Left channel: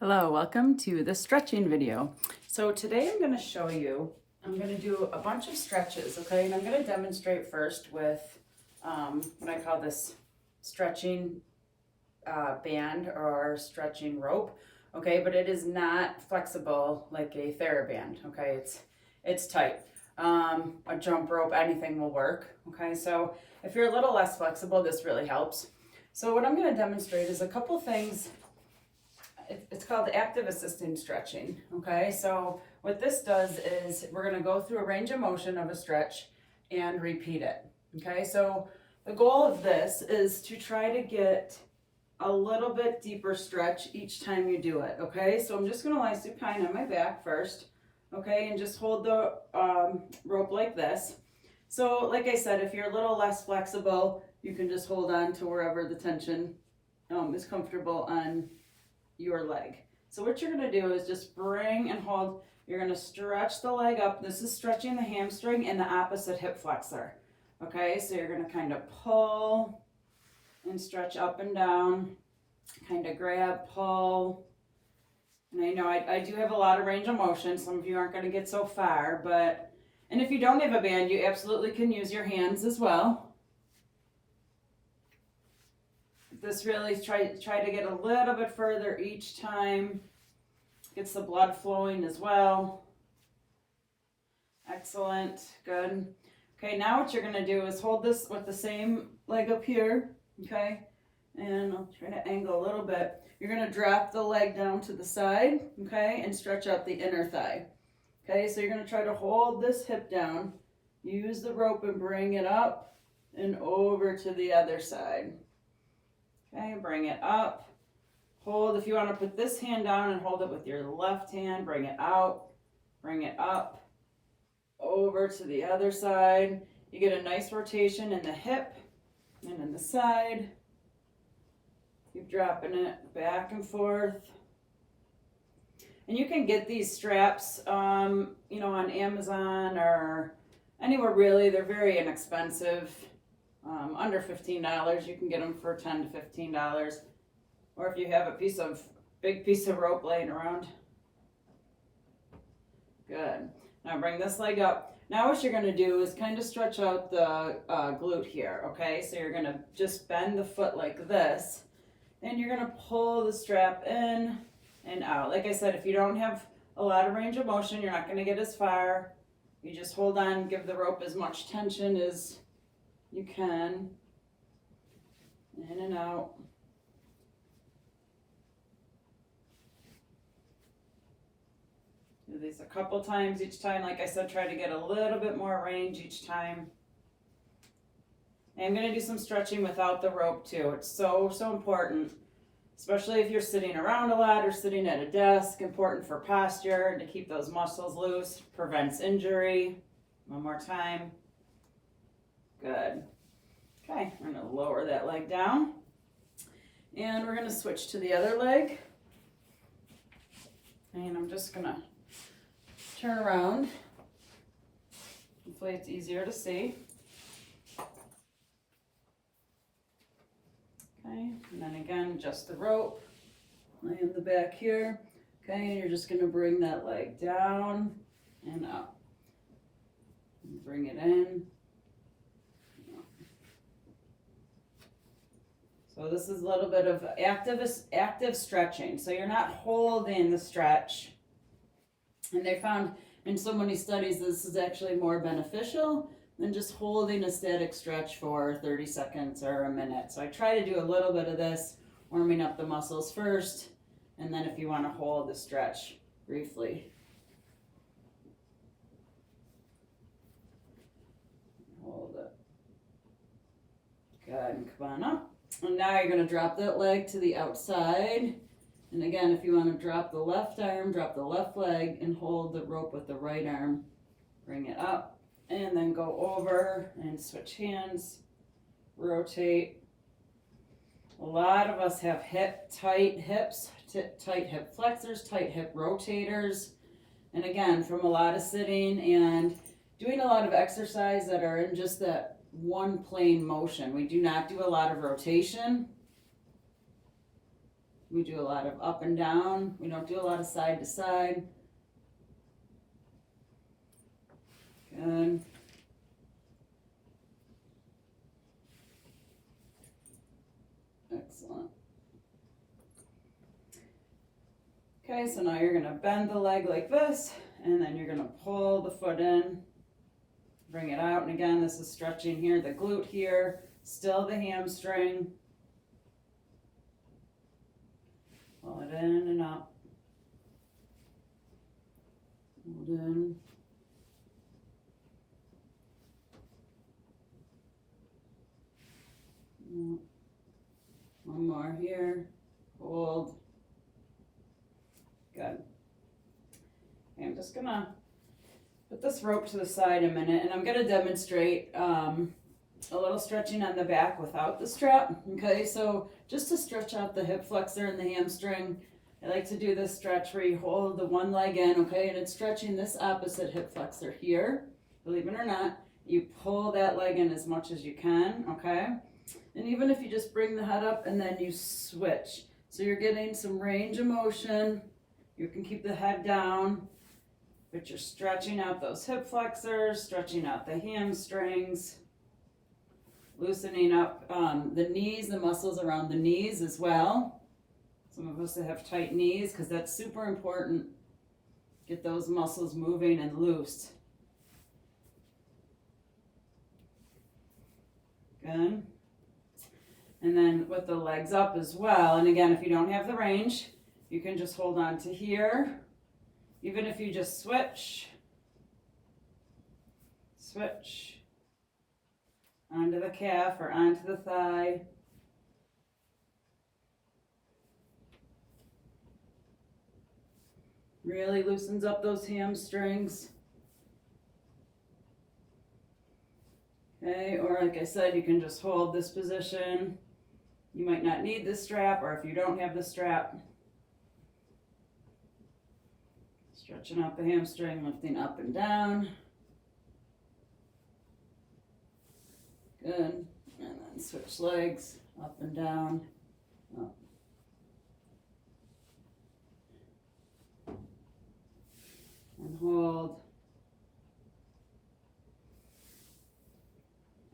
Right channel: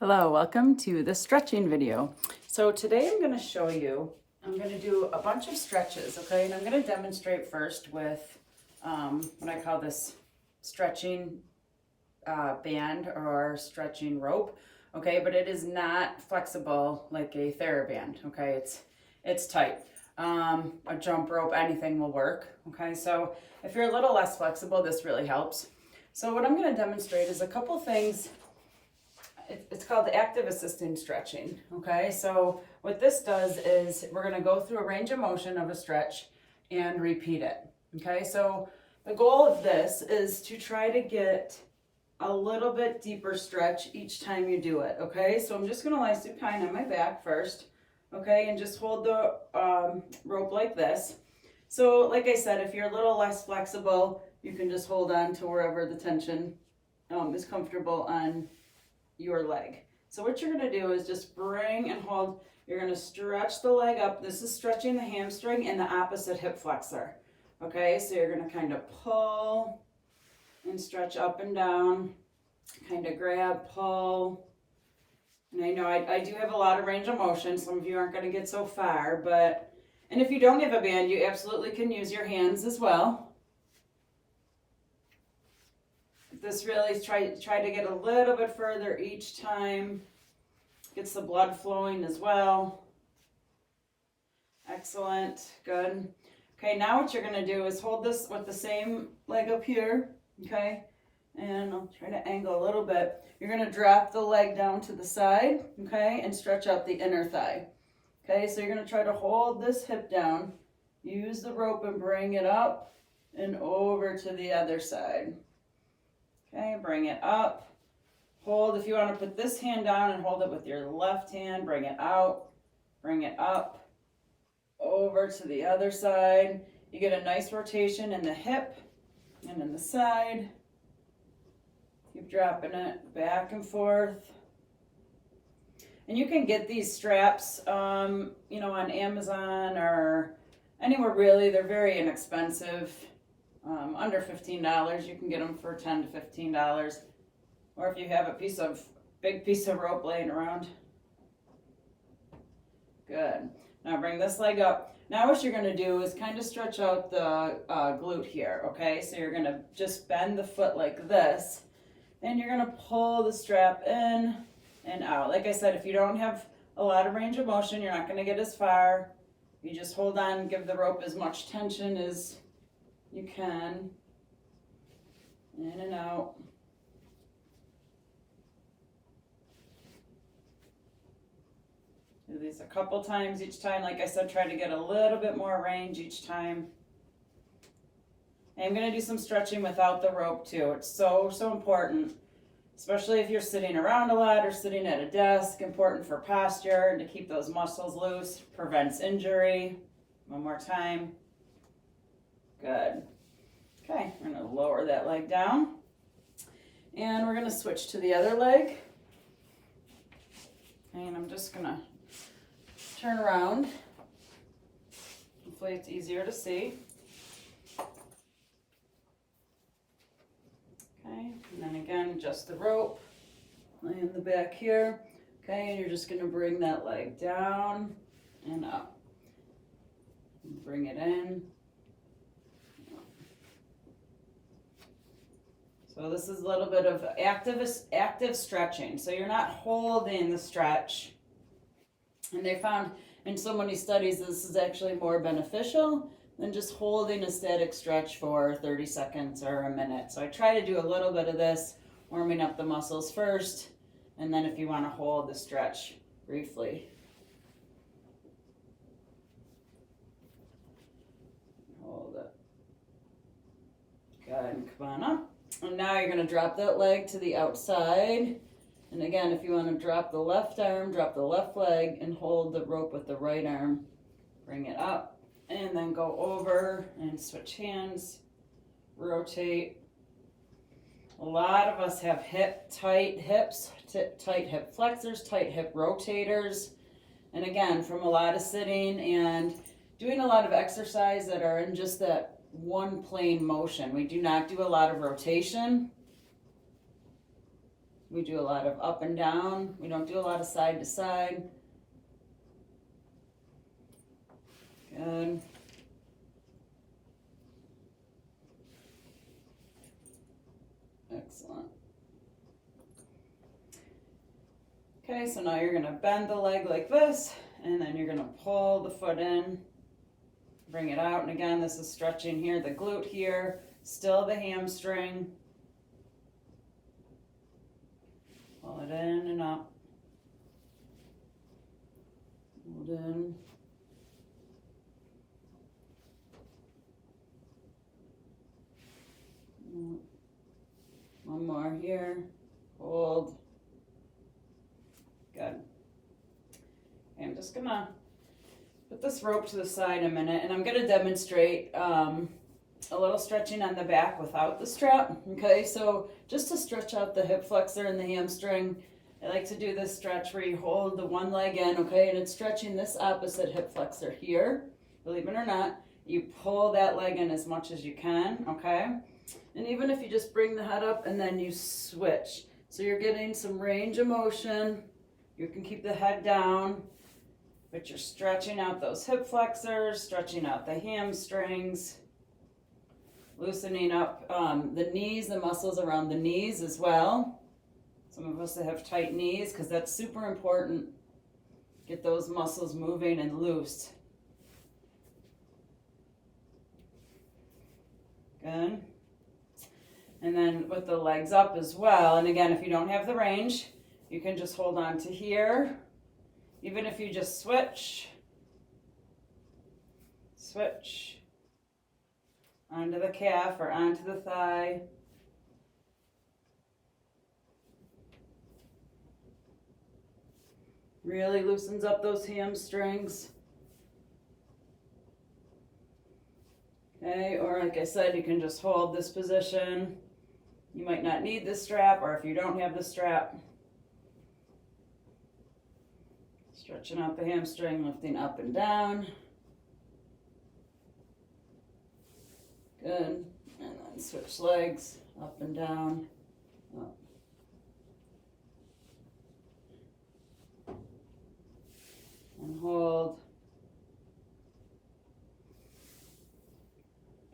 Hello, welcome to the stretching video. So today I'm going to show you, I'm going to do a bunch of stretches, okay? And I'm going to demonstrate first with what I call this stretching band or stretching rope, okay? But it is not flexible like a TheraBand, okay? It's tight. A jump rope, anything will work, okay? So if you're a little less flexible, this really helps. So what I'm going to demonstrate is a couple things. It's called the active assisting stretching, okay? So what this does is we're gonna go through a range of motion of a stretch and repeat it, okay? So the goal of this is to try to get a little bit deeper stretch each time you do it, okay? So I'm just gonna lie supine on my back first, okay? And just hold the rope like this. So like I said, if you're a little less flexible, you can just hold on to wherever the tension is comfortable on your leg. So what you're going to do is just bring and hold. You're going to stretch the leg up. This is stretching the hamstring and the opposite hip flexor. Okay, so you're going to kind of pull and stretch up and down, kind of grab, pull. And I know I do have a lot of range of motion. Some of you aren't going to get so far, but, and if you don't have a band, you absolutely can use your hands as well. This really try to get a little bit further each time. Gets the blood flowing as well. Excellent, good. Okay, now what you're gonna do is hold this with the same leg up here, okay? And I'll try to angle a little bit. You're gonna drop the leg down to the side, okay? And stretch out the inner thigh. Okay, so you're gonna try to hold this hip down, use the rope and bring it up and over to the other side. Okay, bring it up, hold. If you want to put this hand down and hold it with your left hand, bring it out, bring it up, over to the other side. You get a nice rotation in the hip and in the side. Keep dropping it back and forth. And you can get these straps, you know, on Amazon or anywhere really. They're very inexpensive. Under $15, you can get them for $10 to $15. Or if you have a big piece of rope laying around. Good. Now bring this leg up. Now what you're going to do is kind of stretch out the glute here, okay? So you're going to just bend the foot like this. And you're going to pull the strap in and out. Like I said, if you don't have a lot of range of motion, you're not going to get as far. You just hold on, give the rope as much tension as you can, in and out. Do these a couple times each time. Like I said, try to get a little bit more range each time. And I'm going to do some stretching without the rope too. It's so important, especially if you're sitting around a lot or sitting at a desk. Important for posture and to keep those muscles loose. Prevents injury. One more time. Good. Okay, we're going to lower that leg down. And we're going to switch to the other leg. And I'm just going to turn around. Hopefully it's easier to see. Okay, and then again, adjust the rope. Lay in the back here. Okay, and you're just going to bring that leg down and up. And bring it in. So this is a little bit of active stretching. So you're not holding the stretch. And they found in so many studies this is actually more beneficial than just holding a static stretch for 30 seconds or a minute. So I try to do a little bit of this, warming up the muscles first, and then if you want to hold the stretch briefly. Hold it. Good, come on up. And now you're going to drop that leg to the outside. And again, if you want to drop the left arm, drop the left leg and hold the rope with the right arm. Bring it up and then go over and switch hands. Rotate. A lot of us have tight hips, tight hip flexors, tight hip rotators. And again, from a lot of sitting and doing a lot of exercise that are in just that one plane motion. We do not do a lot of rotation. We do a lot of up and down. We don't do a lot of side to side. Good. Excellent. Okay, so now you're gonna bend the leg like this, and then you're gonna pull the foot in, bring it out, and again, this is stretching here, the glute here, still the hamstring. Pull it in and up. Hold in. One more here. Hold. Good. I'm just gonna put this rope to the side a minute, and I'm gonna demonstrate a little stretching on the back without the strap. Okay, so just to stretch out the hip flexor and the hamstring, I like to do this stretch where you hold the one leg in, okay, and it's stretching this opposite hip flexor here. Believe it or not, you pull that leg in as much as you can, okay? And even if you just bring the head up and then you switch. So you're getting some range of motion. You can keep the head down, but you're stretching out those hip flexors, stretching out the hamstrings, loosening up the knees, the muscles around the knees as well. Some of us that have tight knees, because that's super important. Get those muscles moving and loose. Good. And then with the legs up as well. And again, if you don't have the range, you can just hold on to here. Even if you just switch onto the calf or onto the thigh. Really loosens up those hamstrings. Okay, or like I said, you can just hold this position. You might not need the strap, or if you don't have the strap, stretching out the hamstring, lifting up and down. Good. And then switch legs, up and down. Up. And hold.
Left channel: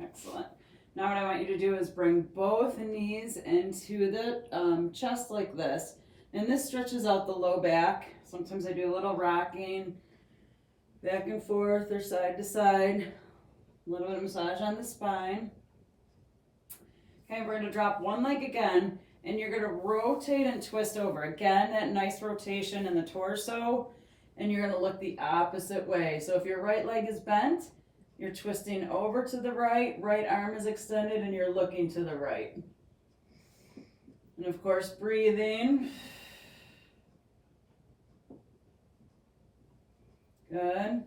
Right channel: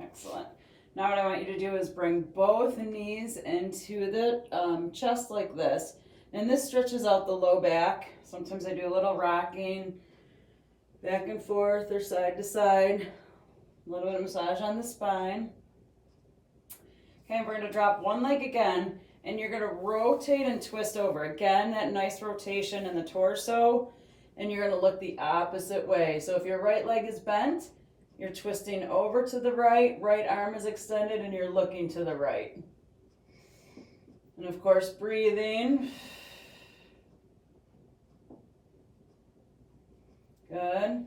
Excellent. Now what I want you to do is bring both knees into the chest like this. And this stretches out the low back. Sometimes I do a little rocking back and forth or side to side. A little bit of massage on the spine. Okay, we're going to drop one leg again, and you're going to rotate and twist over. Again, that nice rotation in the torso, and you're going to look the opposite way. So if your right leg is bent, you're twisting over to the right arm is extended, and you're looking to the right. And of course, breathing. Good.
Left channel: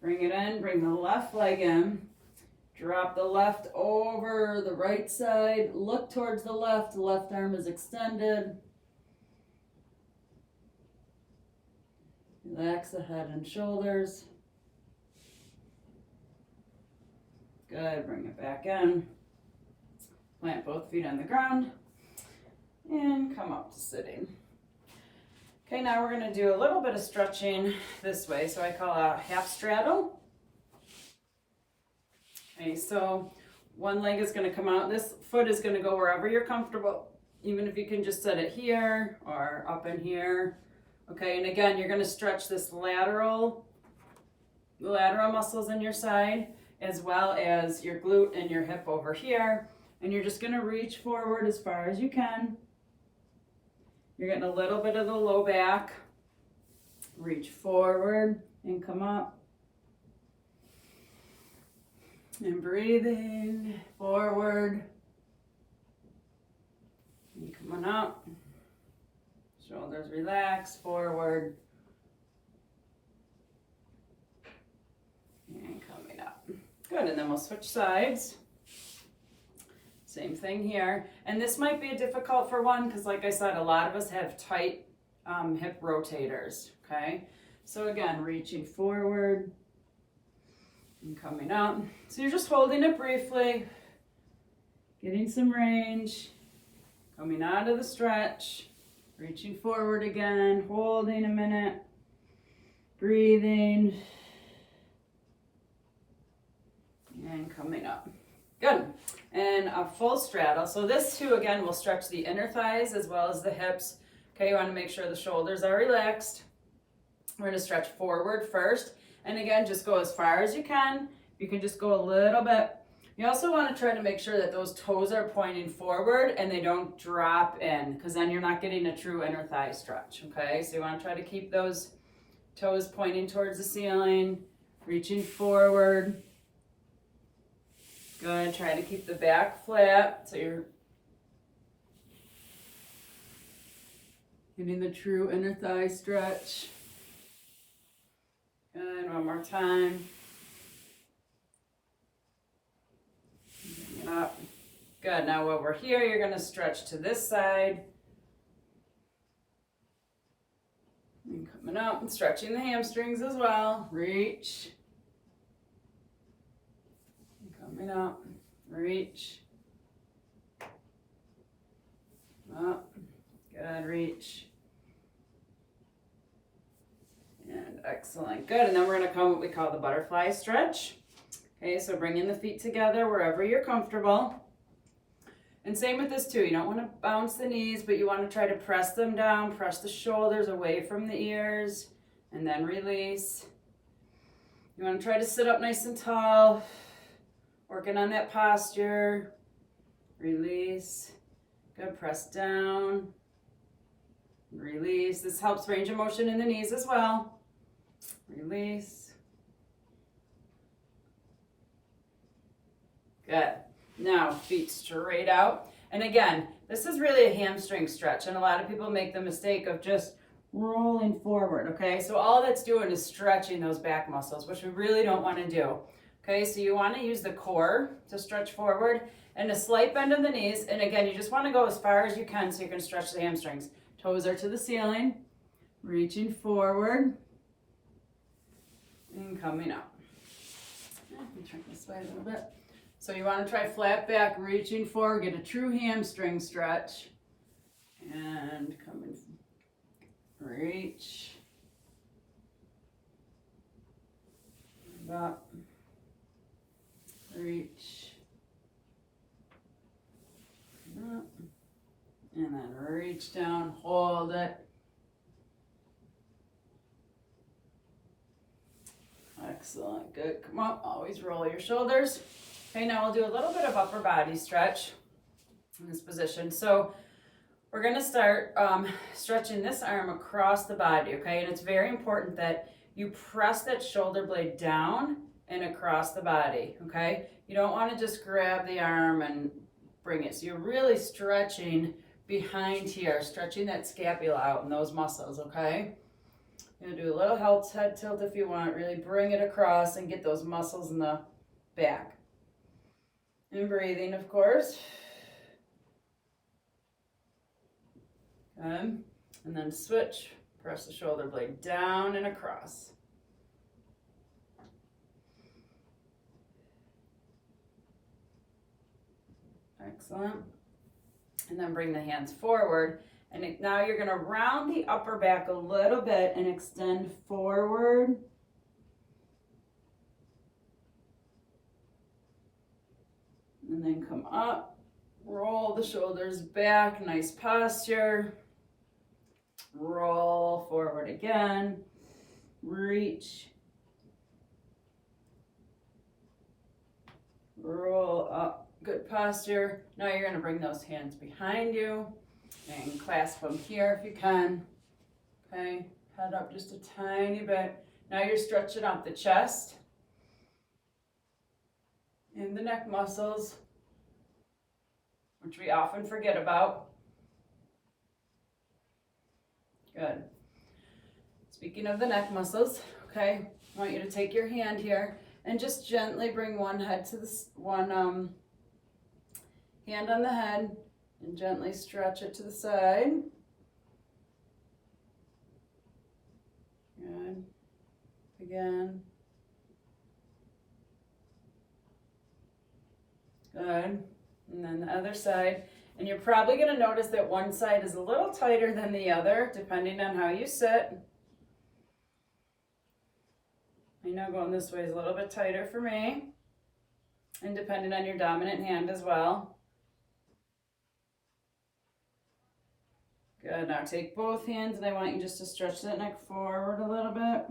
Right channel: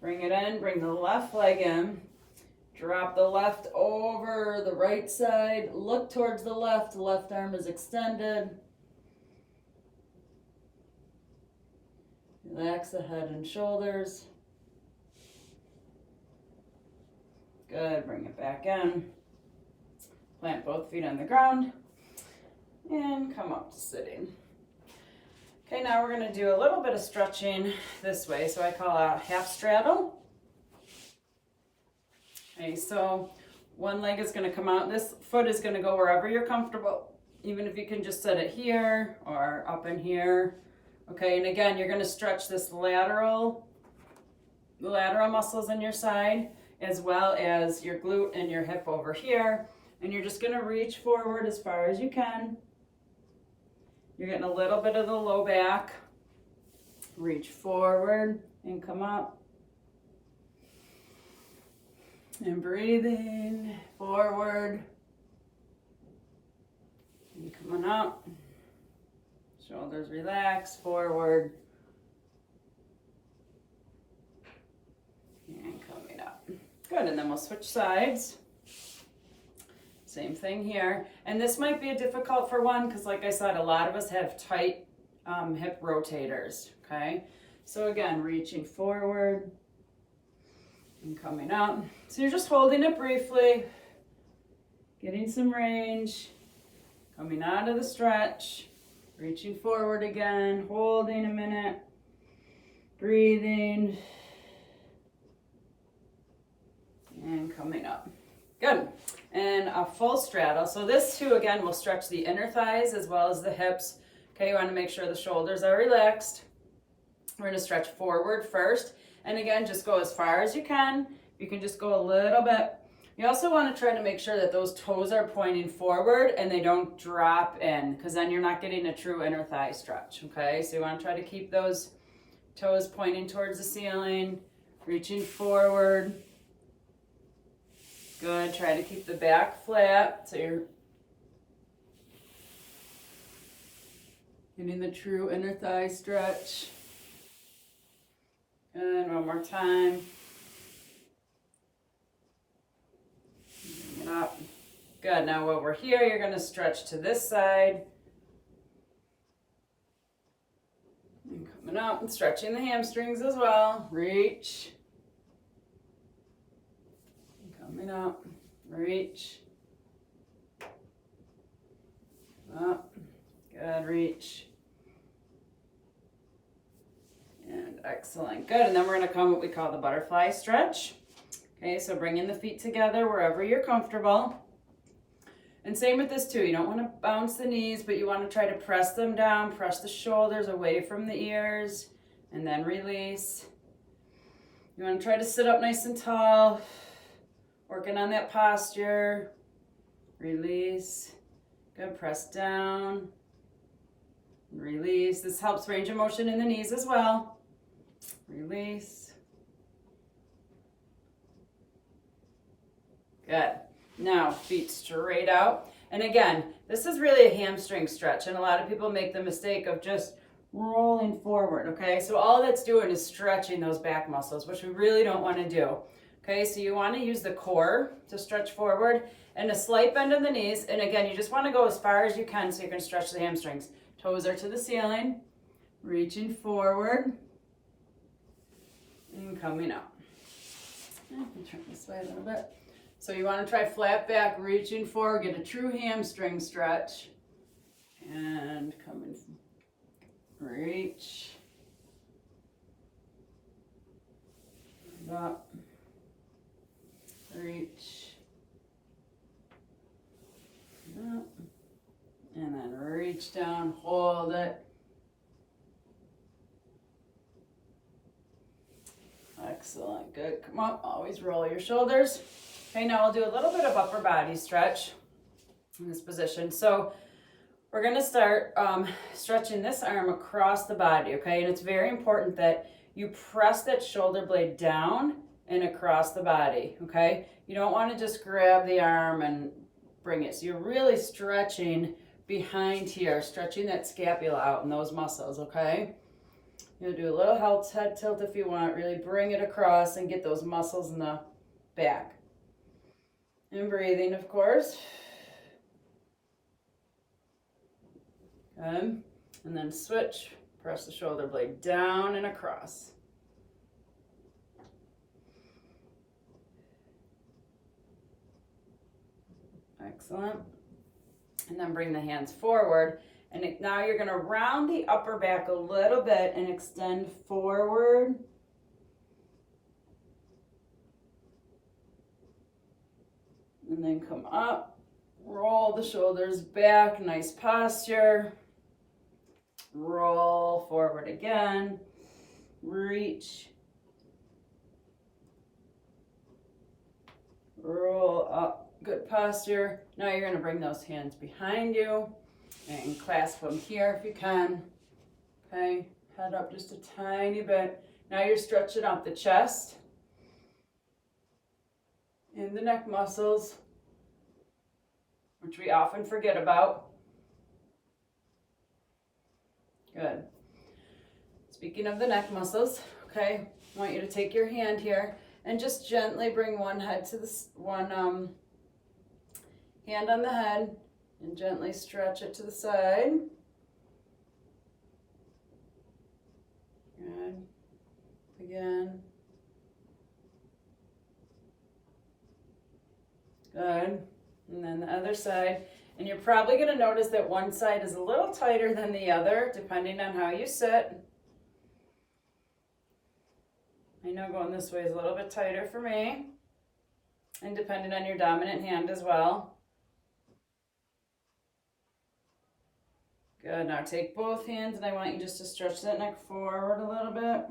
Bring it in, bring the left leg in. Drop the left over the right side. Look towards the left arm is extended. Relax the head and shoulders. Good, bring it back in. Plant both feet on the ground. And come up to sitting. Okay, now we're going to do a little bit of stretching this way. So I call a half straddle. Okay, so one leg is going to come out. This foot is going to go wherever you're comfortable. Even if you can just set it here or up in here. Okay, and again, you're going to stretch this lateral muscles in your side, as well as your glute and your hip over here. And you're just going to reach forward as far as you can. You're getting a little bit of the low back. Reach forward and come up. And breathing forward. And coming up. Shoulders relax, forward. And coming up. Good, and then we'll switch sides. Same thing here. And this might be difficult for one because, like I said, a lot of us have tight hip rotators, okay? So again, reaching forward and coming up. So you're just holding it briefly, getting some range, coming out of the stretch. Reaching forward again, holding a minute, breathing, and coming up. Good. And a full straddle. So this too, again, will stretch the inner thighs as well as the hips. Okay, you want to make sure the shoulders are relaxed. We're going to stretch forward first. And again, just go as far as you can. You can just go a little bit. You also want to try to make sure that those toes are pointing forward and they don't drop in, because then you're not getting a true inner thigh stretch, okay? So you want to try to keep those toes pointing towards the ceiling, reaching forward. Good. Try to keep the back flat so you're getting the true inner thigh stretch. Good. One more time. Bring it up. Good. Now while we're here, you're going to stretch to this side. And coming up and stretching the hamstrings as well. Reach. Coming up, reach, up, good, reach, and excellent, good. And then we're going to come what we call the butterfly stretch. Okay, so bringing the feet together wherever you're comfortable. And same with this too, you don't want to bounce the knees, but you want to try to press them down, press the shoulders away from the ears, and then release. You want to try to sit up nice and tall. Working on that posture. Release. Good. Press down. Release. This helps range of motion in the knees as well. Release. Good. Now, feet straight out. And again, this is really a hamstring stretch. And a lot of people make the mistake of just rolling forward, okay? So all that's doing is stretching those back muscles, which we really don't want to do. Okay, so you want to use the core to stretch forward and a slight bend in the knees. And again, you just want to go as far as you can so you can stretch the hamstrings. Toes are to the ceiling, reaching forward and coming up. I'll turn this way a little bit. So you want to try flat back, reaching forward, get a true hamstring stretch. And coming, reach, up. Reach, up, and then reach down, hold it. Excellent, good. Come up, always roll your shoulders. Okay, now we'll do a little bit of upper body stretch in this position. So we're gonna start stretching this arm across the body, okay? And it's very important that you press that shoulder blade down and across the body, okay? You don't want to just grab the arm and bring it. So you're really stretching behind here, stretching that scapula out and those muscles, okay? You'll do a little head tilt if you want. Really bring it across and get those muscles in the back. And breathing, of course. Good. And then switch. Press the shoulder blade down and across. Excellent. And then bring the hands forward. And now you're going to round the upper back a little bit and extend forward. And then come up, roll the shoulders back, nice posture. Roll forward again, reach. Roll up, good posture. Now you're going to bring those hands behind you and clasp them here if you can. Okay, head up just a tiny bit. Now you're stretching out the chest and the neck muscles, which we often forget about. Good. Speaking of the neck muscles, okay, I want you to take your hand here and just gently bring one head to this one hand on the head and gently stretch it to the side. Good. Again. Good. And then the other side. And you're probably going to notice that one side is a little tighter than the other, depending on how you sit. I know going this way is a little bit tighter for me, and depending on your dominant hand as well. Good, now take both hands and I want you just to stretch that neck forward a little bit.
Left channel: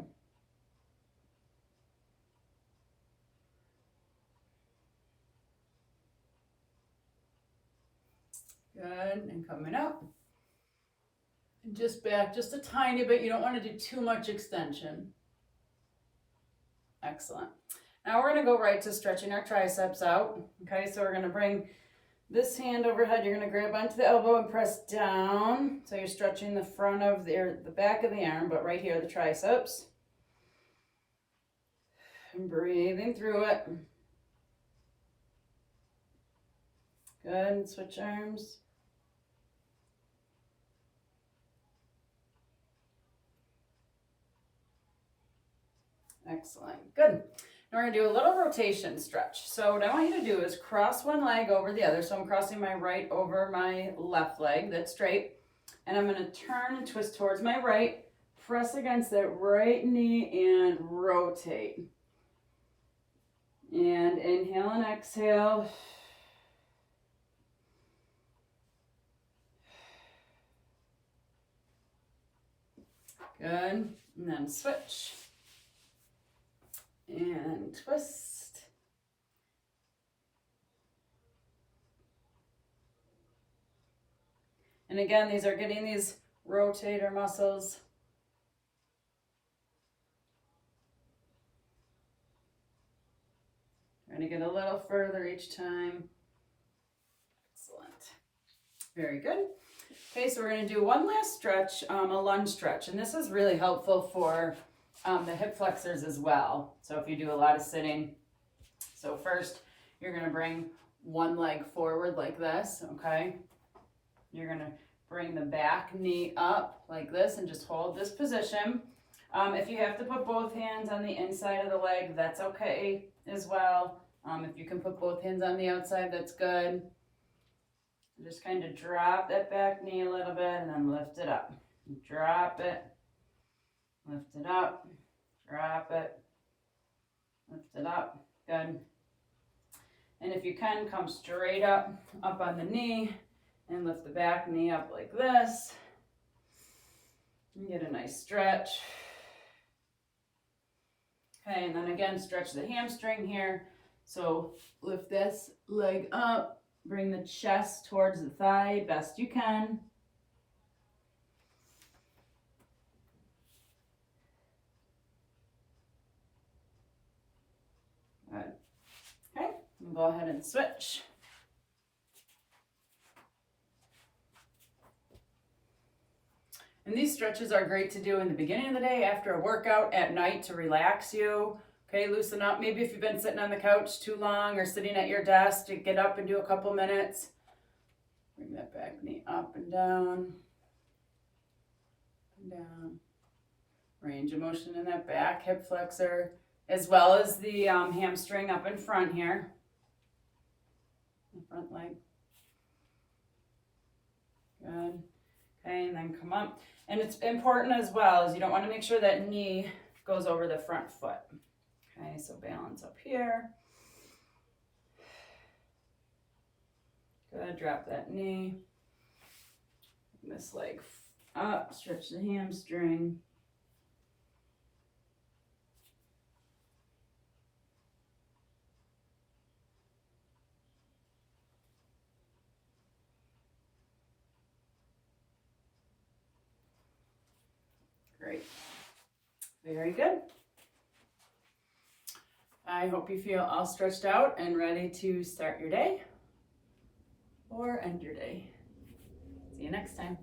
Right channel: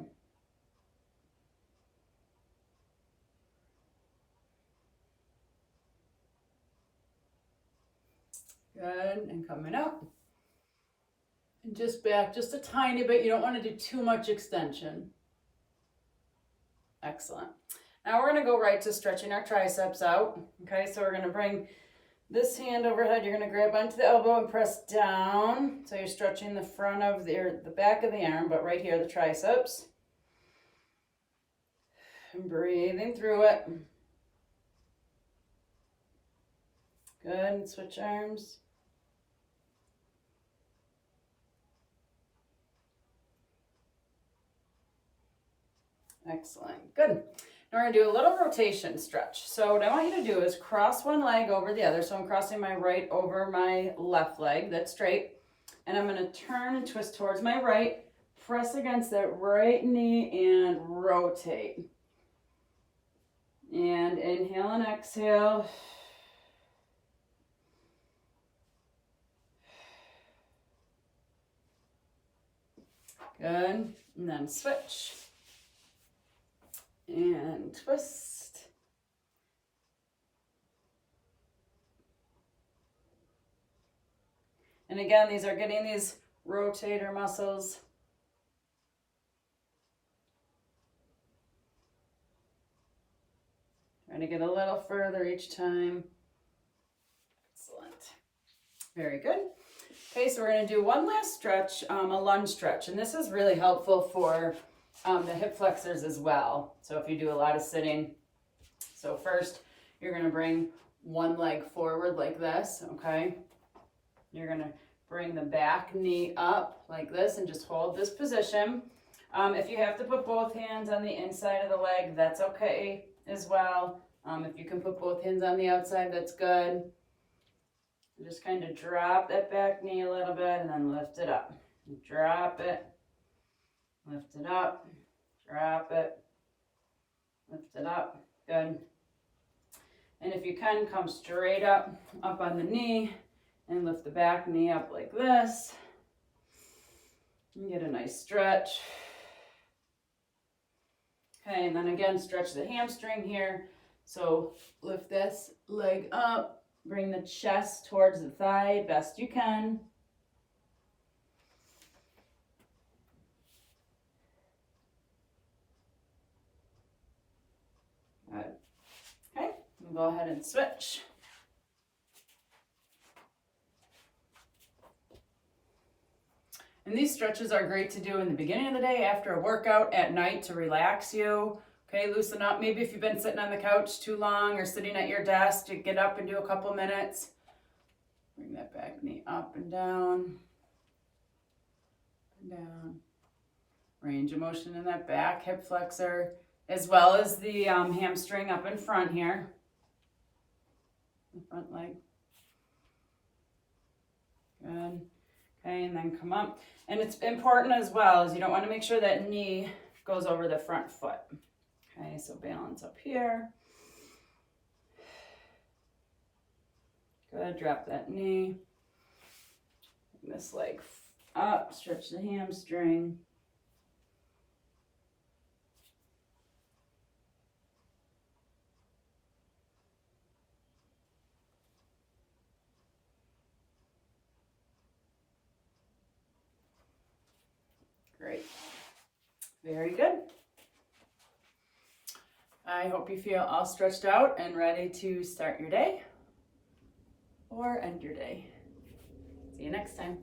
Good, and coming up. And just back just a tiny bit. You don't want to do too much extension. Excellent. Now we're going to go right to stretching our triceps out. Okay, so we're going to bring this hand overhead. You're going to grab onto the elbow and press down. So you're stretching the front of the back of the arm, but right here, the triceps. And breathing through it. Good, switch arms. Excellent, good. Now we're gonna do a little rotation stretch. So what I want you to do is cross one leg over the other. So I'm crossing my right over my left leg, that's straight. And I'm gonna turn and twist towards my right, press against that right knee and rotate. And inhale and exhale. Good, and then switch. And twist. And again, these are getting these rotator muscles. Trying to get a little further each time. Excellent. Very good. Okay, so we're going to do one last stretch, a lunge stretch. And this is really helpful for the hip flexors as well. So if you do a lot of sitting. So first, you're going to bring one leg forward like this, okay? You're going to bring the back knee up like this and just hold this position. If you have to put both hands on the inside of the leg, that's okay as well. If you can put both hands on the outside, that's good. Just kind of drop that back knee a little bit and then lift it up. Drop it, lift it up, drop it, lift it up. Good. And if you can, come straight up on the knee and lift the back knee up like this. And get a nice stretch. Okay, and then again, stretch the hamstring here. So lift this leg up, bring the chest towards the thigh best you can. Good. Okay, we'll go ahead and switch. And these stretches are great to do in the beginning of the day, after a workout, at night to relax you. Okay, loosen up. Maybe if you've been sitting on the couch too long or sitting at your desk, to get up and do a couple minutes. Bring that back knee up and down. Up and down. Range of motion in that back hip flexor, as well as the hamstring up in front here. The front leg. Good. Okay, and then come up. And it's important as well, as you don't want to make sure that knee goes over the front foot. Okay, so balance up here. Good, drop that knee. Bring this leg up, stretch the hamstring. Great. Very good. I hope you feel all stretched out and ready to start your day or end your day. See you next time.